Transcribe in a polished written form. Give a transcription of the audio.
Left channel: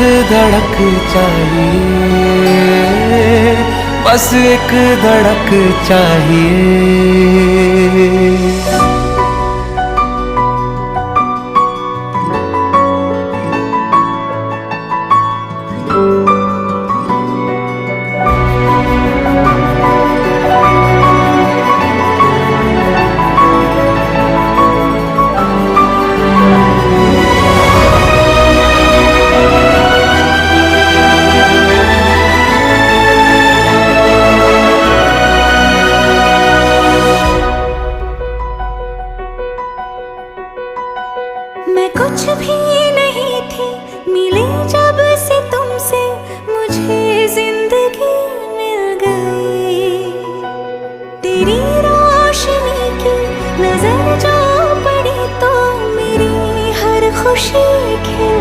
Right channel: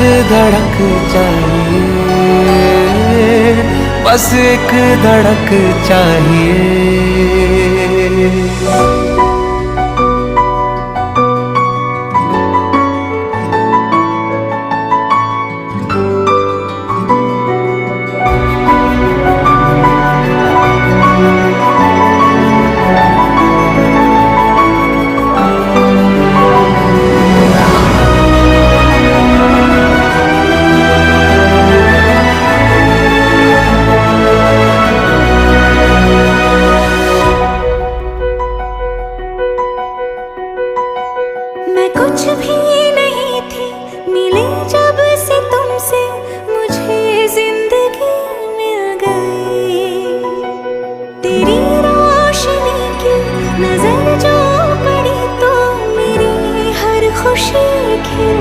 एक धड़क चाहिए, बस एक धड़क चाहिए। मैं कुछ भी नहीं थी, मिली जब से तुमसे मुझे जिंदगी मिल गई। तेरी रोशनी की नजर जो पड़ी तो मेरी हर खुशी खिल